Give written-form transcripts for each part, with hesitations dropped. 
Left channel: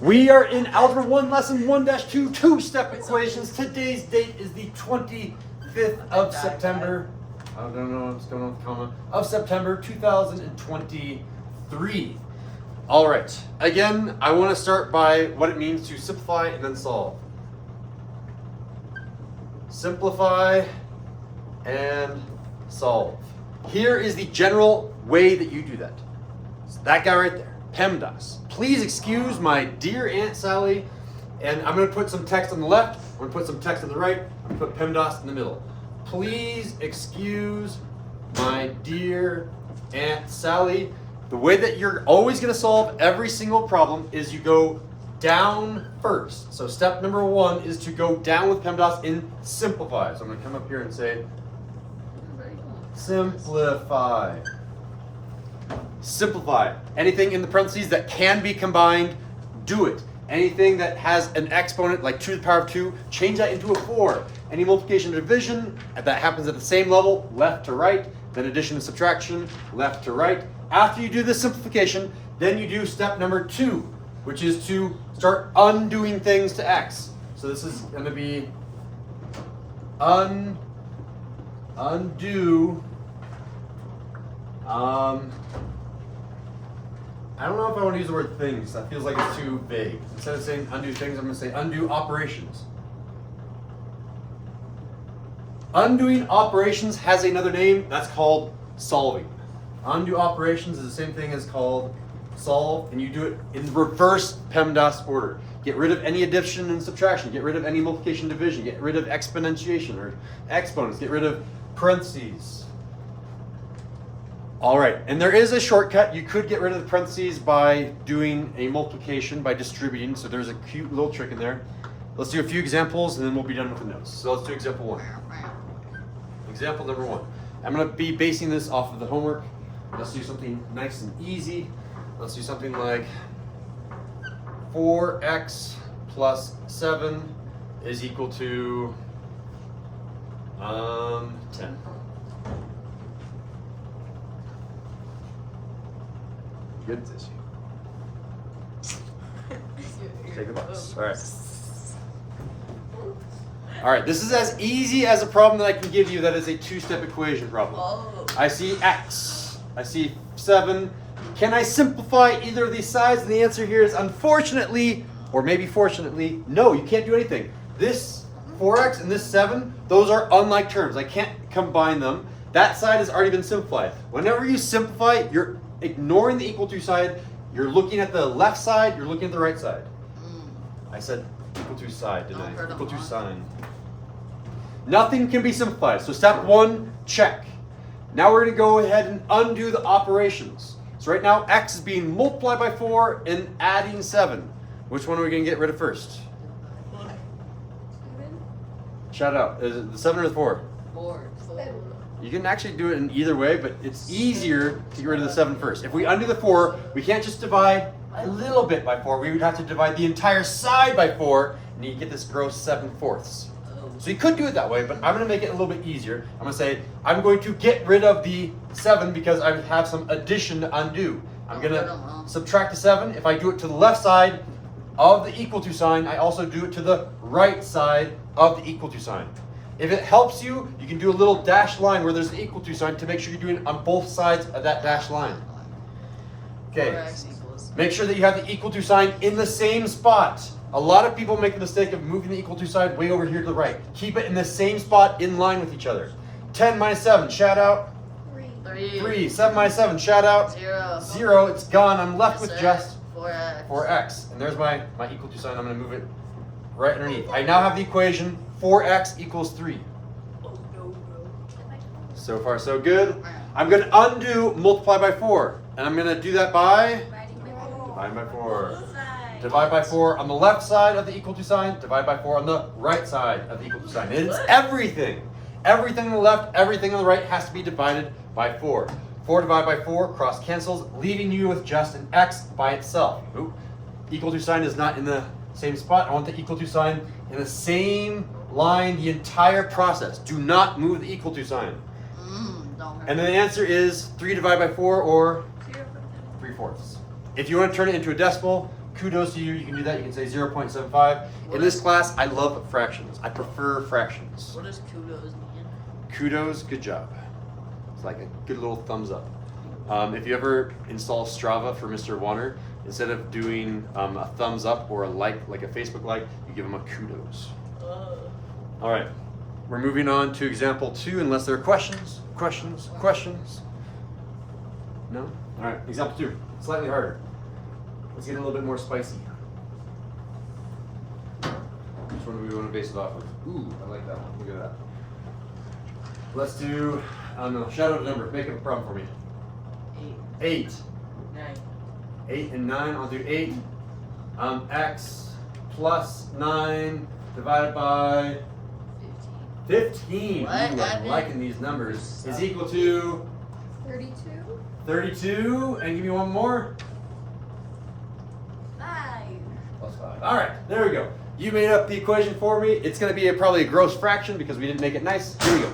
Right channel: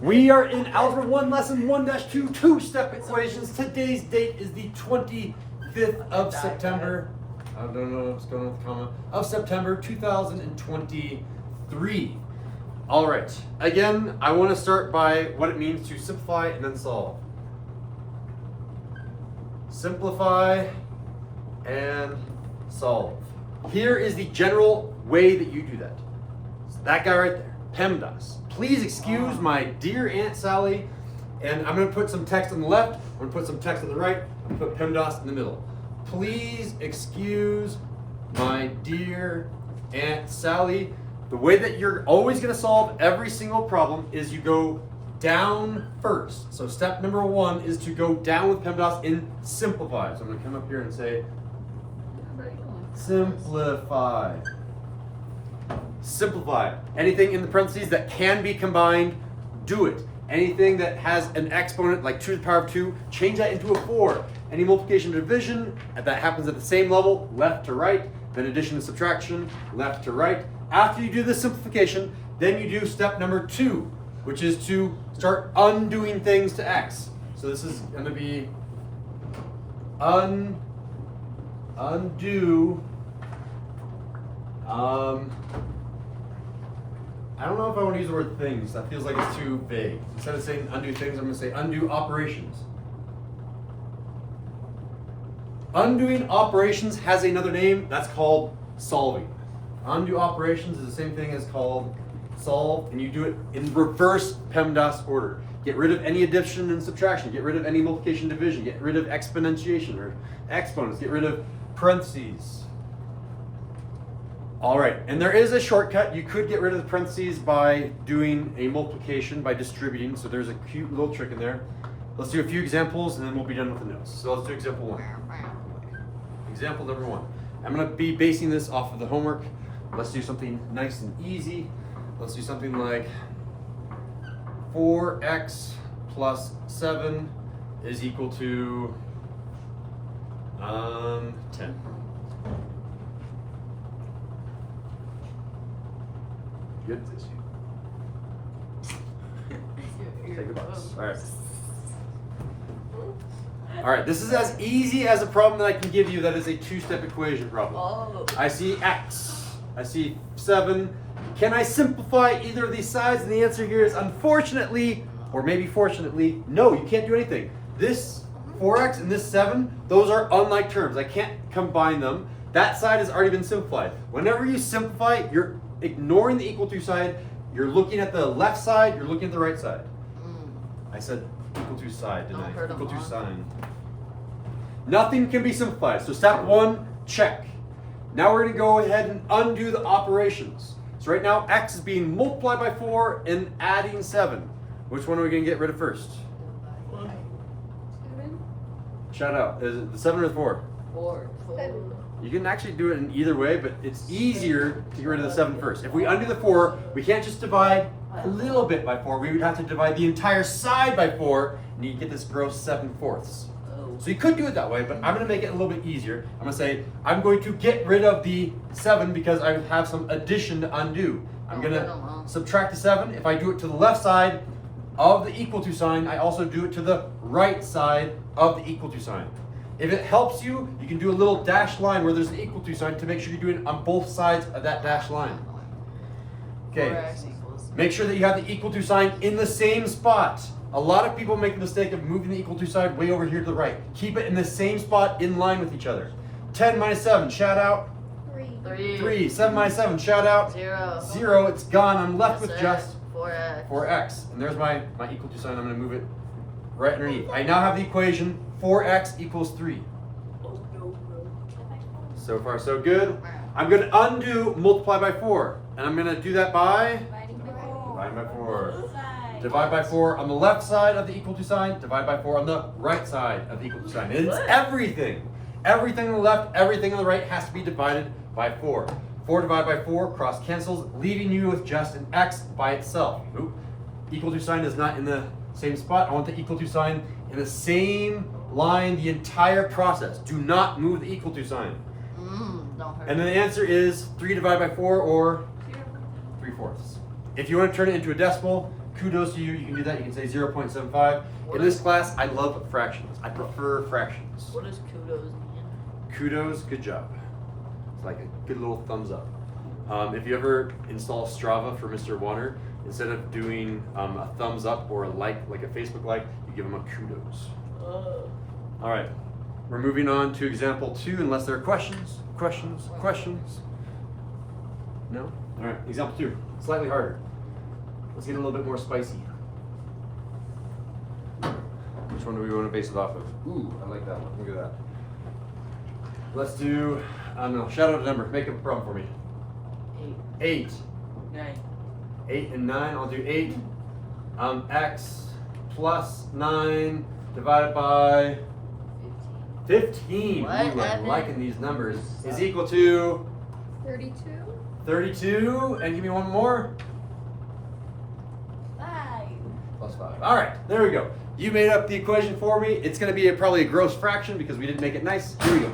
We are in Algebra 1, Lesson 1-2, two-step equations. Today's date is the 25th of September. I don't know what's going on with the comma. Of September 2023. All right. Again, I want to start by what it means to simplify and then solve. Simplify and solve. Here is the general way that you do that. So that guy right there, PEMDAS. Please excuse my dear Aunt Sally, and I'm going to put some text on the left, I'm going to put some text on the right, I'm going to put PEMDAS in the middle. Please excuse my dear Aunt Sally. The way that you're always going to solve every single problem is you go down first. So step number 1 is to go down with PEMDAS in simplify. So I'm going to come up here and say simplify. Simplify. Anything in the parentheses that can be combined, do it. Anything that has an exponent like 2 to the power of 2, change that into a 4. Any multiplication or division that happens at the same level, left to right, then addition and subtraction, left to right. After you do this simplification, then you do step number 2, which is to start undoing things to x. So this is going to be undo. I don't know if I want to use the word things. That feels like it's too vague. Instead of saying undo things, I'm going to say undo operations. Undoing operations has another name. That's called solving. Undo operations is the same thing as called solve, and you do it in reverse PEMDAS order. Get rid of any addition and subtraction. Get rid of any multiplication and division. Get rid of exponentiation or exponents. Get rid of parentheses. All right, and there is a shortcut. You could get rid of the parentheses by doing a multiplication by distributing. So there's a cute little trick in there. Let's do a few examples and then we'll be done with the notes. So let's do example 1. Example number 1. I'm going to be basing this off of the homework. Let's do something nice and easy. Let's do something like 4x plus 7 is equal to 10. Good tissue. Take a bus. All right. All right, this is as easy as a problem that I can give you that is a two-step equation problem. Whoa. I see x. I see 7. Can I simplify either of these sides? And the answer here is unfortunately, or maybe fortunately, no, you can't do anything. This 4x and this 7, those are unlike terms. I can't combine them. That side has already been simplified. Whenever you simplify, you're ignoring the equal to side. You're looking at the left side, you're looking at the right side. I said equal to side, didn't I? Equal to sign. Nothing can be simplified. So step 1, check. Now we're going to go ahead and undo the operations. So right now, x is being multiplied by 4 and adding 7. Which one are we going to get rid of first? 7. Shout out. Is it the 7 or the 4? 4. You can actually do it in either way, but it's easier to get rid of the 7 first. If we undo the 4, we can't just divide a little bit by 4. We would have to divide the entire side by 4, and you get this gross 7/4. So you could do it that way, but I'm going to make it a little bit easier. I'm going to say, I'm going to get rid of the 7 because I have some addition to undo. I'm going to subtract the 7. If I do it to the left side of the equal to sign, I also do it to the right side of the equal to sign. If it helps you, you can do a little dashed line where there's an equal to sign to make sure you're doing it on both sides of that dashed line. Okay, make sure that you have the equal to sign in the same spot. A lot of people make the mistake of moving the equal to sign way over here to the right. Keep it in the same spot in line with each other. 10 minus 7, shout out. 3. 7 minus 7, shout out. 0, it's gone. I'm left with just 4x. And there's my equal to sign. I'm going to move it right underneath. I now have the equation 4x equals 3. So far, so good. I'm going to undo multiply by 4. And I'm going to do that by divide by 4. Divide by 4 on the left side of the equal to sign. Divide by 4 on the right side of the equal to sign. It's everything. Everything on the left, everything on the right has to be divided by 4. 4 divided by 4 cross cancels, leaving you with just an x by itself. Oop. Equal to sign is not in the same spot. I want the equal to sign in the same line the entire process. Do not move the equal to sign. And then the answer is 3 divided by 4 or 3/4. If you want to turn it into a decimal, kudos to you. You can do that. You can say 0.75. In this class, I love fractions. I prefer fractions. What does kudos mean? Kudos, good job. It's like a good little thumbs up. If you ever install Strava for Mr. Warner, instead of doing a thumbs up or a like a Facebook like, you give him a kudos. All right, we're moving on to example 2, unless there are questions. No? All right, example 2, slightly harder. Let's get a little bit more spicy. Which one do we want to base it off of? Ooh, I like that one. Look at that. Let's do, I don't know, shout out a number. Make up a problem for me. 8. 9. 8 and 9. I'll do 8. X plus 9 divided by 15. Ooh, I'm liking these numbers. Is equal to 32. 32. And give me one more. 5. Plus 5. All right, there we go. You made up the equation for me. It's going to be probably a gross fraction because we didn't make it nice. Here we go.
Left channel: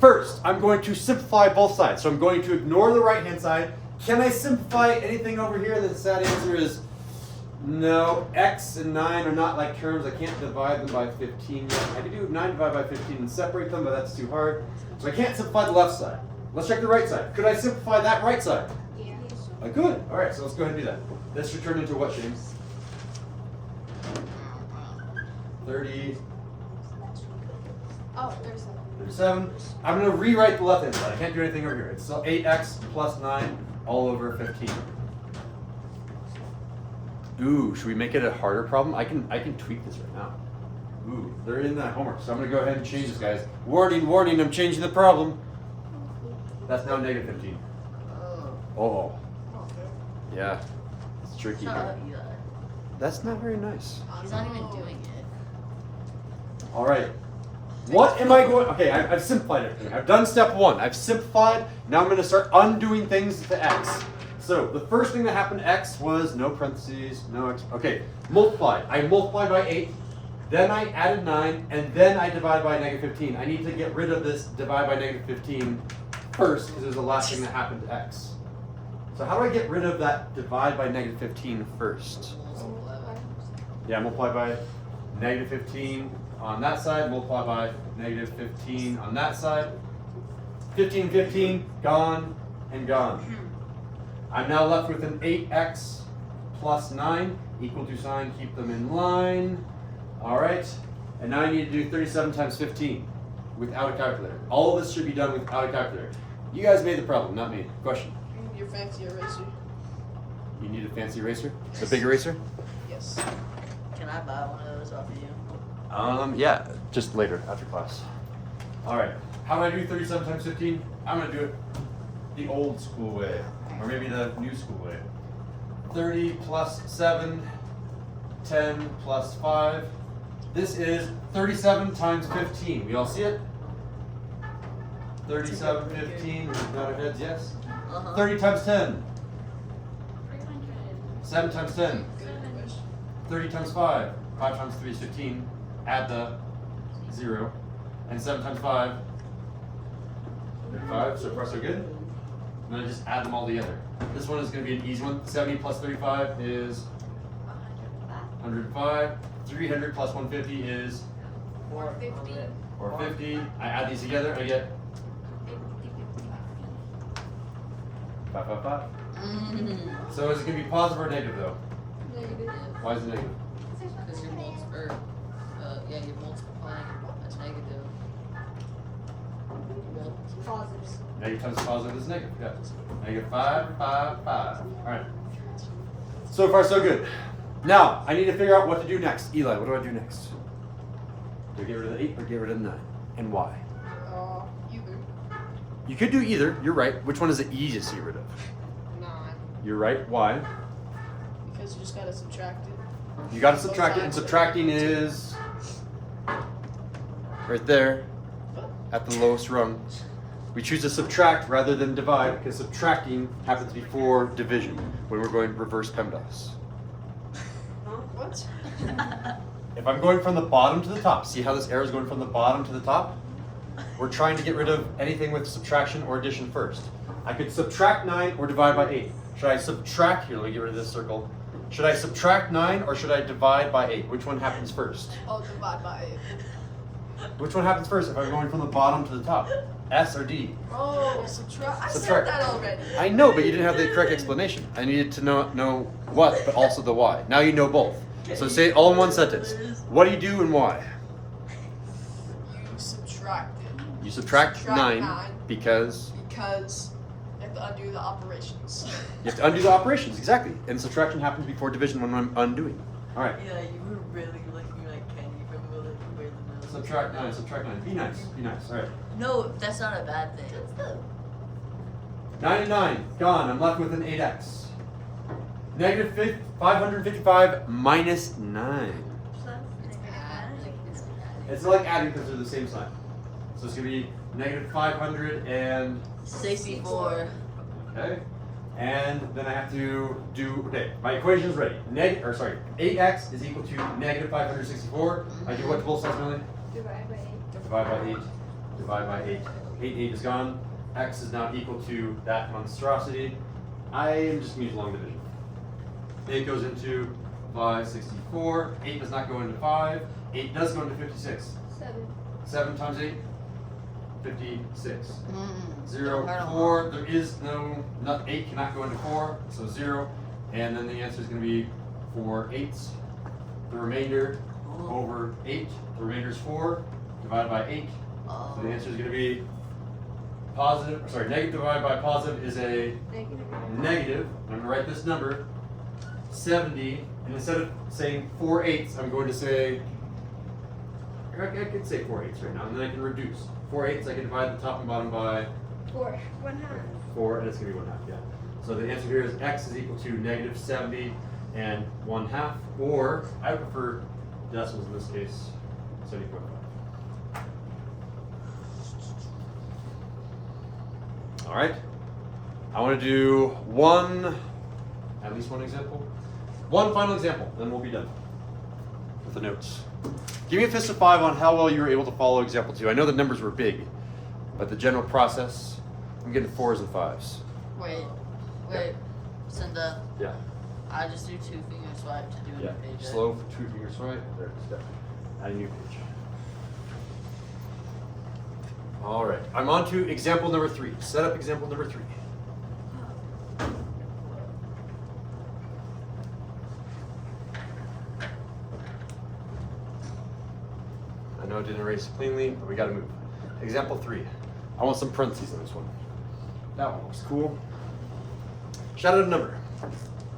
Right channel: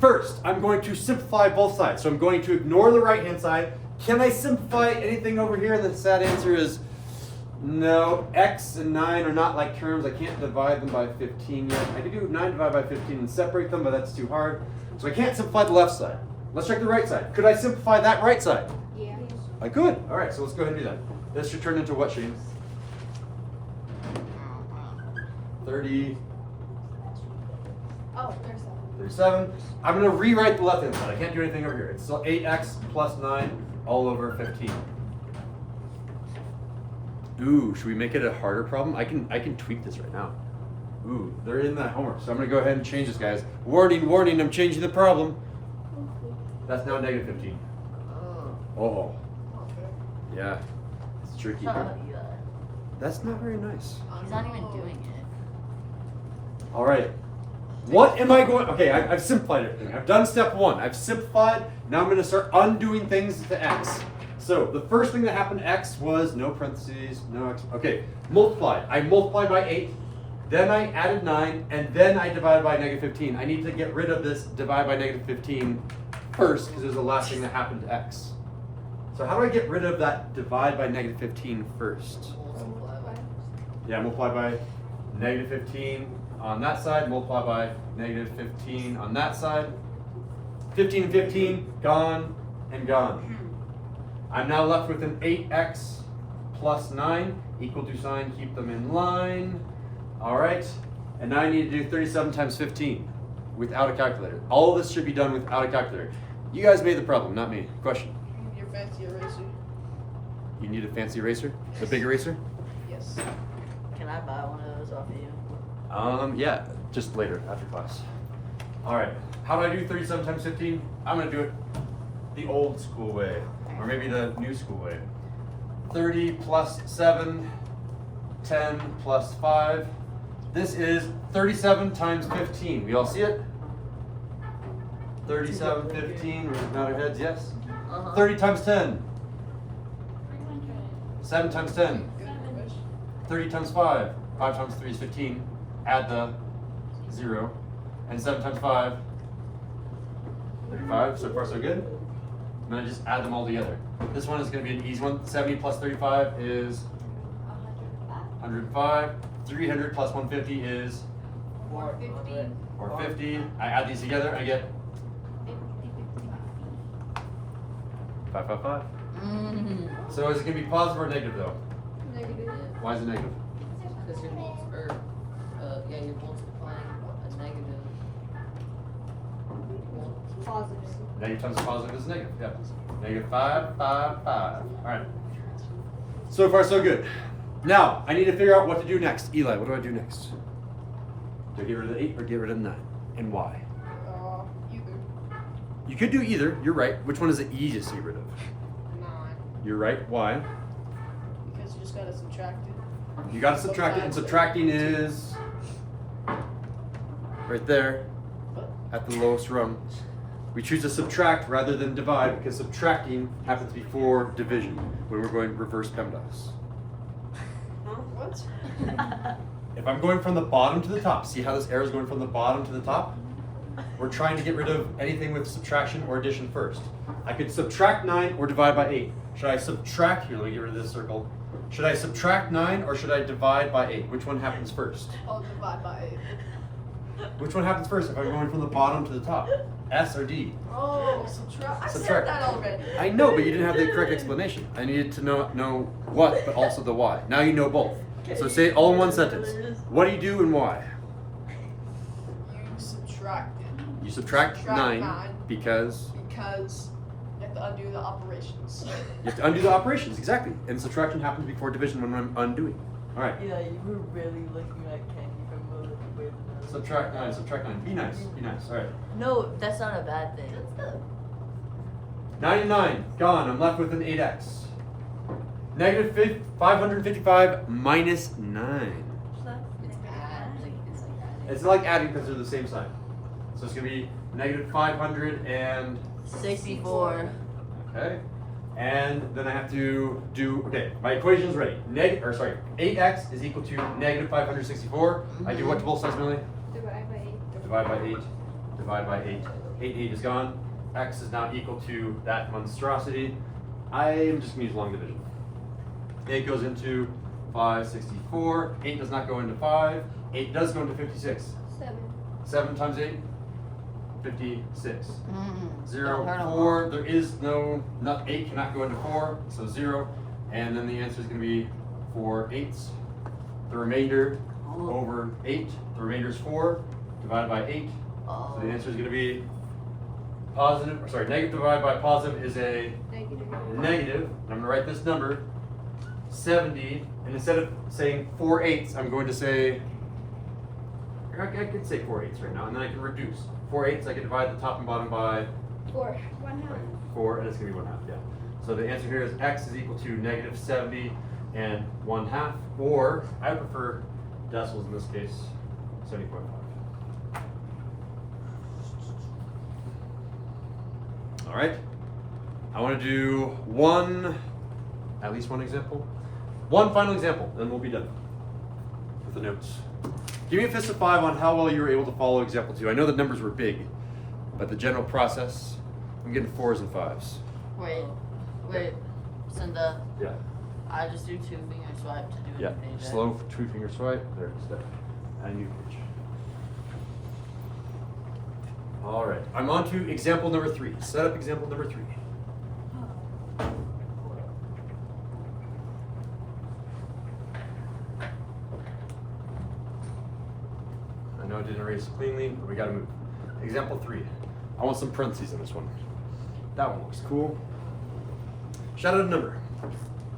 First, I'm going to simplify both sides. So I'm going to ignore the right-hand side. Can I simplify anything over here? The sad answer is no. X and 9 are not like terms. I can't divide them by 15 yet. I could do 9 divided by 15 and separate them, but that's too hard. So I can't simplify the left side. Let's check the right side. Could I simplify that right side? Yeah. I could. All right, so let's go ahead and do that. This should turn into what, Shane? 30. Oh, there's 37. I'm going to rewrite the left-hand side. I can't do anything over here. It's so 8x plus 9 all over 15. Ooh, should we make it a harder problem? I can tweak this right now. Ooh, they're in that homework. So I'm going to go ahead and change this, guys. Warning, warning, I'm changing the problem. That's now negative 15. Oh. Yeah, it's tricky. That's not very nice. He's not even doing it. All right. What am I going? Okay, I've simplified everything. I've done step 1. I've simplified. Now I'm going to start undoing things to x. So the first thing that happened to x was no parentheses, no x. Okay, multiply. I multiplied by 8, then I added 9, and then I divided by negative 15. I need to get rid of this divide by negative 15 first because it was the last thing that happened to x. So how do I get rid of that divide by negative 15 first? Yeah, multiply by negative 15 on that side, multiply by negative 15 on that side. 15 and 15, gone and gone. I'm now left with an 8x plus 9, equal to sign, keep them in line. All right, and now I need to do 37 times 15 without a calculator. All of this should be done without a calculator. You guys made the problem, not me. Question? Your fancy eraser. You need a fancy eraser? Yes. A big eraser? Yes. Can I buy one of those off of you? Yeah, just later after class. All right, how do I do 37 times 15? I'm gonna do it the old school way, or maybe the new school way. 30 plus 7, 10 plus 5. This is 37 times 15. We all see it? 37, 15, we're nod our heads, yes? 30 times 10. 7 times 10. Good question. 30 times 5. 5 times 3 is 15. Add the 0. And 7 times 5. 35. So far, so good. I'm going to just add them all together. This one is going to be an easy one. 70 plus 35 is 105. 300 plus 150 is 450. 450. I add these together, I get 555. So is it going to be positive or negative though? Negative. Why is it negative? Because you're multiplying as negative. Positive. Negative times positive is negative, yeah. Negative 5, 5, 5. All right. So far, so good. Now, I need to figure out what to do next. Eli, what do I do next? Do I get rid of the 8 or get rid of the 9? And why? Either. You could do either. You're right. Which one is the easiest to get rid of? 9. You're right. Why? Because you just gotta subtract it. You got to subtract it, and subtracting is right there at the lowest rung. We choose to subtract rather than divide because subtracting happens before division when we're going reverse PEMDAS. What? If I'm going from the bottom to the top, see how this arrow is going from the bottom to the top? We're trying to get rid of anything with subtraction or addition first. I could subtract 9 or divide by 8. Should I subtract, here, let me get rid of this circle. Should I subtract 9 or should I divide by 8? Which one happens first? I'll divide by 8. Which one happens first if I'm going from the bottom to the top? S or D? Oh, subtract. I Subtract. said that already. I know, but you didn't have the correct explanation. I needed to know what, but also the why. Now you know both. So say it all in one sentence. What do you do and why? You subtracted. You subtract 9 because Because you have to undo the operations. you have to undo the operations, exactly. And subtraction happens before division when I'm undoing. All right. Yeah, you were really looking like Kenny from where the middle. Subtract 9, subtract 9. Be nice, be nice. All right. No, that's not a bad thing. 9 and 9, gone. I'm left with an 8x. Negative 555 minus 9. It's like adding because they're the same sign. So it's going to be negative 564. Okay. And then I have to do, okay, my equation is ready. 8x is equal to negative 564. I do what to both sides, Millie? Divide by 8. Divide by 8. Divide by 8. 8 is gone. X is now equal to that monstrosity. I'm just going to use long division. 8 goes into 564. 8 does not go into 5. 8 does go into 56. 7. 7 times 8? 56. Mm-mm. 0, No, I don't 4. There is no, 8 cannot go into 4, so 0. And then the answer is going to be 4 eighths. The remainder over 8. The remainder is 4 divided by 8. So the answer is going to be negative divided by positive is a negative. I'm going to write this number, 70. And instead of saying 4 eighths, I'm going to say, I could say 4 eighths right now, and then I can reduce. 4 eighths, I can divide the top and bottom by 4. 1/2. 4, and it's going to be 1/2, yeah. So the answer here is x is equal to negative 70 and 1/2, or I prefer decimals in this case, 70.5. All right. I want to do at least one example. One final example, then we'll be done with the notes. Give me a fist of 5 on how well you were able to follow example 2. I know the numbers were big, but the general process, I'm getting 4s and 5s. Wait, Cinda. Yeah. I just do 2 finger swipe to do Yeah. a page. Slow 2-finger swipe. There it is. There. And you page. All right. I'm on to example number 3. Set up example number 3. I know it didn't erase cleanly, but we got to move. Example 3. I want some parentheses in this one. That one looks cool. Shout out a number.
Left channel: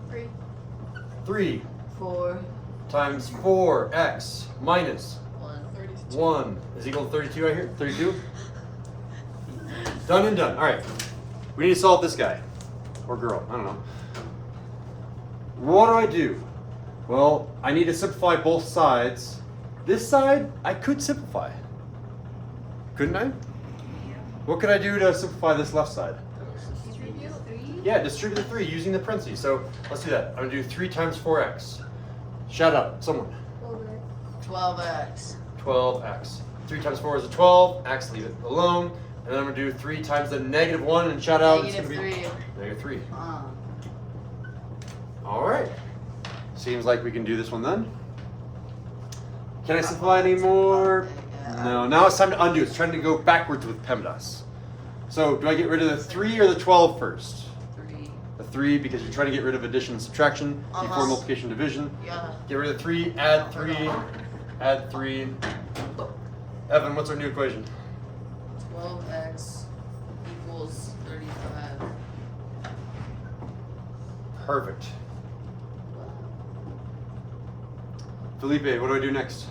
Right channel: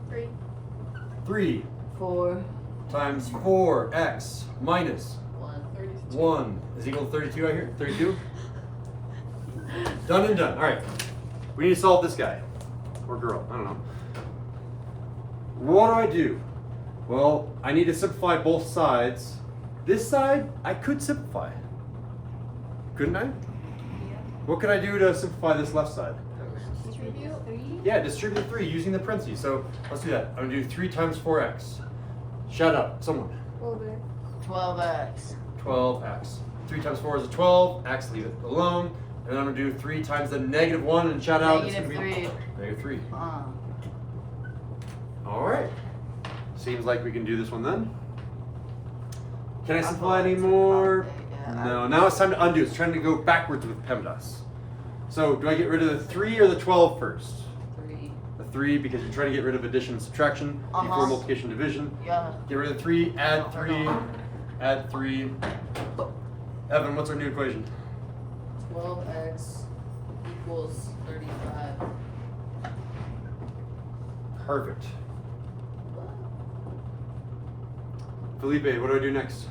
3. 3 4, times 4x minus 1. 32. 1 is equal to 32 right here? 32? Done and done. All right. We need to solve this guy. Or girl. I don't know. What do? Well, I need to simplify both sides. This side, I could simplify. Couldn't I? What could I do to simplify this left side? Distribute 3. Yeah, distribute the 3 using the parentheses. So let's do that. I'm going to do 3 times 4x. Shout out. Someone. Over. 12x. 12x. 3 times 4 is a 12. X, leave it alone. And then I'm going to do 3 times the negative 1 and shout out. It's Negative gonna be 3. Negative 3. All right. Seems like we can do this one then. Can I simplify any more? No. Now it's time to undo. It's trying to go backwards with PEMDAS. So do I get rid of the 3 or the 12 first? 3. The 3 because you're trying to get rid of addition and subtraction before multiplication and division. Yeah. Get rid of 3, add 3, add 3. Evan, what's our new equation? 12x equals 35. Perfect. Felipe, what do I do next?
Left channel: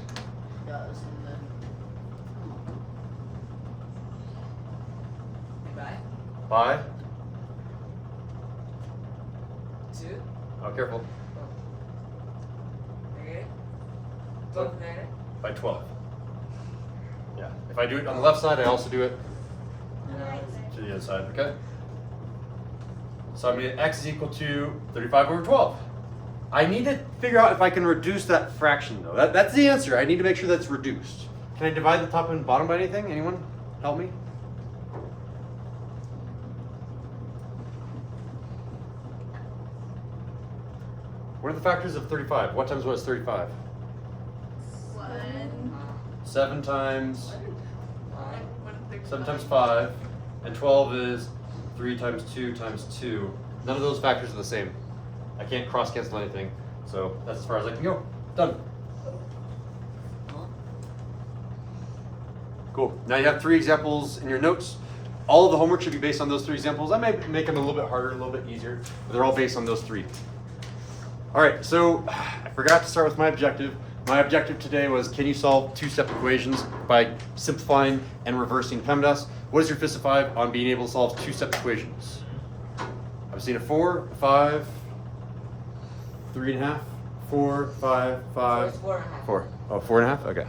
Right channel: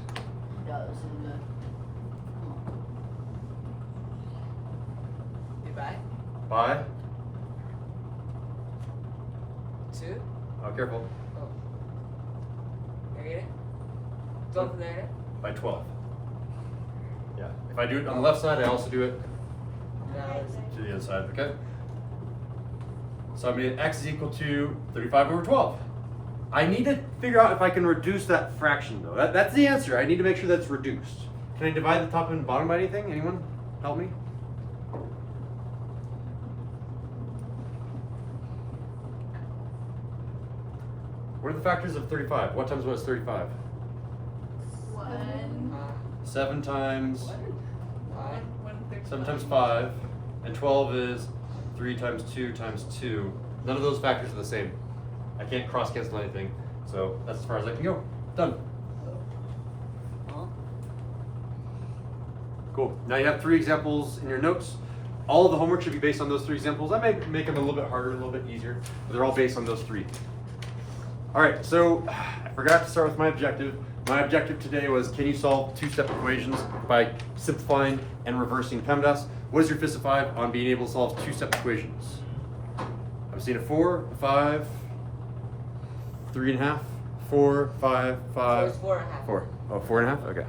Yeah, this is good. Goodbye. By? 2. Oh, careful. Negative. Go with negative. By 12. Yeah. If I do it on the left side, I also do it to the other side, okay? So I'm going to x is equal to 35 over 12. I need to figure out if I can reduce that fraction though. That's the answer. I need to make sure that's reduced. Can I divide the top and bottom by anything? Anyone help me? What What are the factors of 35? What times what is 35? 7 times 7 times 5, and 12 is 3 times 2 times 2. None of those factors are the same. I can't cross cancel anything, so that's as far as I can go. Done. Cool. Now you have 3 examples in your notes. All of the homework should be based on those 3 examples. I may make them a little bit harder, a little bit easier, but they're all based on those 3. All right, so I forgot to start with my objective. My objective today was, can you solve 2 separate equations by simplifying and reversing PEMDAS? What is your fist of 5 on being able to solve 2 separate equations? I've seen a 4, 5, 3.5, 4, 5, 5, 4.5. 4. Oh, 4.5? Okay.